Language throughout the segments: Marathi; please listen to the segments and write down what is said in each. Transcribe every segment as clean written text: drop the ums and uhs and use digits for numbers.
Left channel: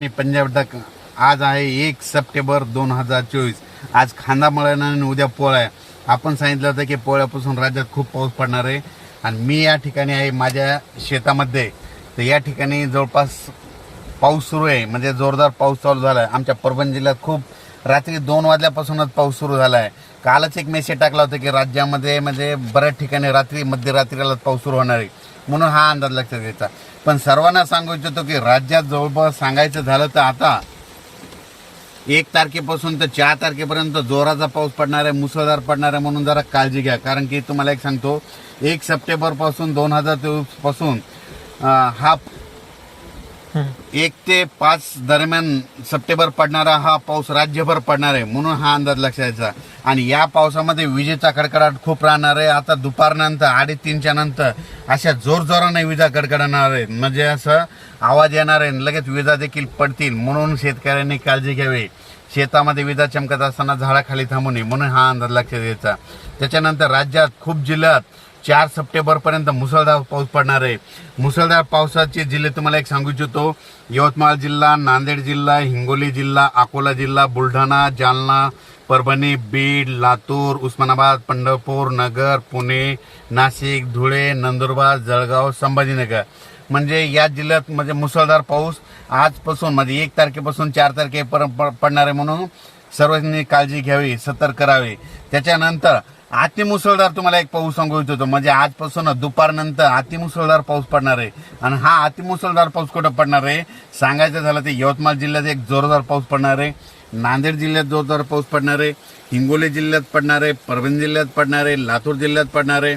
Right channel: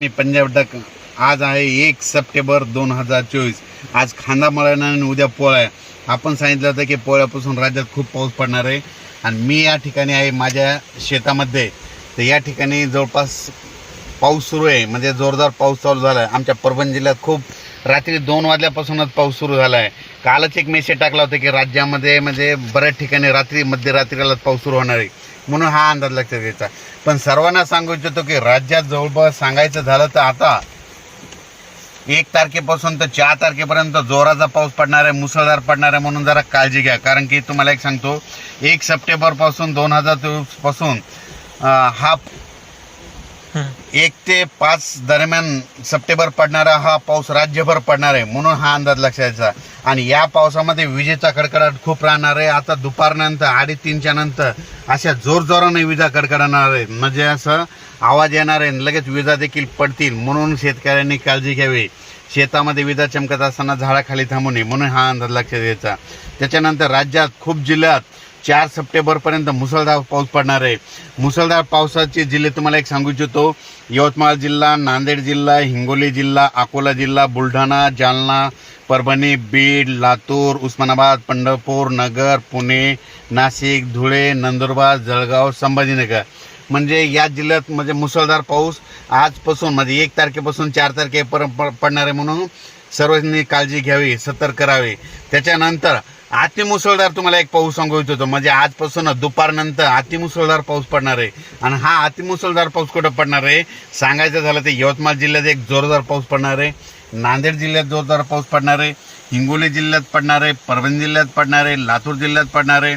मी पंजाब डक आज आहे 1 सप्टेंबर 2024. आज खांदा मळणा आणि उद्या पोळ्या. आपण सांगितलं होतं की पोळ्यापासून राज्यात खूप पाऊस पडणार आहे आणि मी या ठिकाणी आहे माझ्या शेतामध्ये. तर या ठिकाणी जवळपास पाऊस सुरू आहे, म्हणजे जोरदार पाऊस चालू झाला आहे. आमच्या परभणी जिल्ह्यात खूप रात्री 2 वाजल्यापासूनच पाऊस सुरू झाला आहे. कालच एक मेसेज टाकला होता की राज्यामध्ये म्हणजे बऱ्याच ठिकाणी रात्री मध्यरात्रीला पाऊस सुरू होणार आहे, म्हणून हा अंदाज लक्षात घ्यायचा. पण सर्वांना सांगू इच्छितो की राज्यात जवळपास सांगायचं झालं तर आता 1 तारखेपासून तर 4 तारखेपर्यंत जोराचा पाऊस पडणार आहे, मुसळधार पडणार आहे. म्हणून जरा काळजी घ्या. कारण की तुम्हाला एक सांगतो, 1 सप्टेंबरपासून 2024 पासून हा 1 ते 5 दरम्यान सप्टेंबर पडणारा हा पाऊस राज्यभर पडणार आहे, म्हणून हा अंदाज लक्षात. आणि या पावसामध्ये विजेचा कडकडाट खूप राहणार आहे. आता दुपारनंतर 3:30च्या नंतर अशा जोरजोराने विजा कडकडणार आहेत, म्हणजे असं आवाज येणार आहे, लगेच विजा देखील पडतील. म्हणून शेतकऱ्यांनी काळजी घ्यावी. शेतामध्ये विजा चमकत असताना झाडाखाली थांबू नये, म्हणून हा अंदाज लक्षात घ्यायचा. त्याच्यानंतर राज्यात खूप जिल्ह्यात 4 सप्टेंबरपर्यंत मुसळधार पाऊस पडणार आहे. मुसळधार पावसाचे जिल्हे तुम्हाला एक सांगू इच्छितो: यवतमाळ जिल्हा, नांदेड जिल्हा, हिंगोली जिल्हा, अकोला जिल्हा, बुलढाणा, जालना, परभणी, बीड, लातूर, उस्मानाबाद, पंढरपूर, नगर, पुणे, नाशिक, धुळे, नंदुरबार, जळगाव, संभाजीनगर. म्हणजे या जिल्ह्यात म्हणजे मुसळधार पाऊस आजपासून म्हणजे 1 तारखेपासून 4 तारखेपर्यंत पडणार आहे, म्हणून सर्वांनी काळजी घ्यावी, सतर्क करावे. त्याच्यानंतर अतिमुसळधार तुम्हाला एक पाऊस सांगू इच्छितो, म्हणजे आजपासून दुपारनंतर अतिमुसळधार पाऊस पडणार आहे. आणि हा अतिमुसळधार पाऊस कुठं पडणार आहे सांगायचं झालं तर यवतमाळ जिल्ह्यात एक जोरदार पाऊस पडणार आहे, नांदेड जिल्ह्यात जोरदार पाऊस पडणार आहे, हिंगोली जिल्ह्यात पडणार आहे, परभणी जिल्ह्यात पडणार आहे, लातूर जिल्ह्यात पडणार आहे,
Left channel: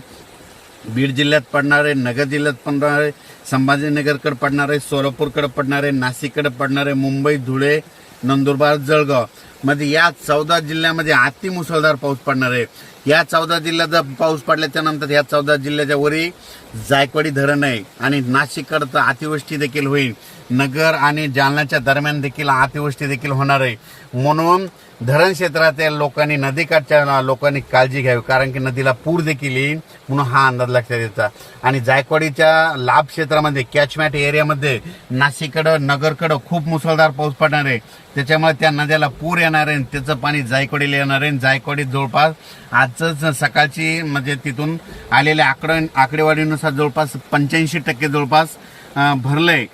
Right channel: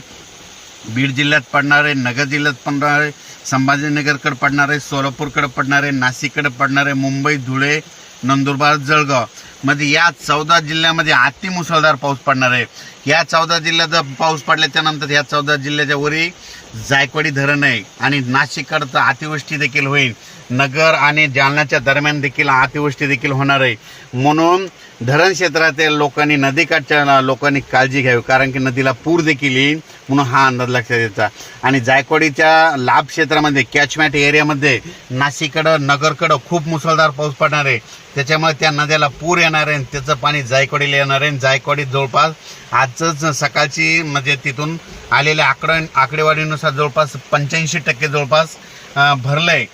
बीड जिल्ह्यात पडणार आहे, नगर जिल्ह्यात पडणार आहे, संभाजीनगरकडे पडणार आहे, सोलापूरकडे पडणार आहे, नाशिककडे पडणार आहे, मुंबई, धुळे, नंदुरबार, जळगाव मध्ये या 14 जिल्ह्यामध्ये अतिमुसळधार पाऊस पडणार आहे. या 14 जिल्ह्याचा पाऊस पडल्याच्या नंतर या 14 जिल्ह्याच्या वरी जायकवाडी धरण आहे आणि नाशिककडचं अतिवृष्टी देखील होईल. नगर आणि जालन्याच्या दरम्यान देखील अतिवृष्टी देखील होणार आहे. म्हणून धरण क्षेत्रातील लोकांनी, नदीकाठच्या लोकांनी काळजी घ्यावी, कारण की नदीला पूर देखील येईल, म्हणून हा अंदाज लक्षात द्यायचा. आणि जायकवाडीच्या लाभ क्षेत्रामध्ये, कॅचमॅट एरियामध्ये नाशिककडं, नगरकडं खूप मुसळधार पाऊस पडणार आहे. त्याच्यामुळे त्या नद्याला पूर येणार आहे, त्याचं पाणी जायकवाडीला येणार आहे. जायकवाडीत जवळपास आजच सकाळची म्हणजे तिथून आलेल्या आकडेवारीनुसार जवळपास 85% जवळपास भरलंय.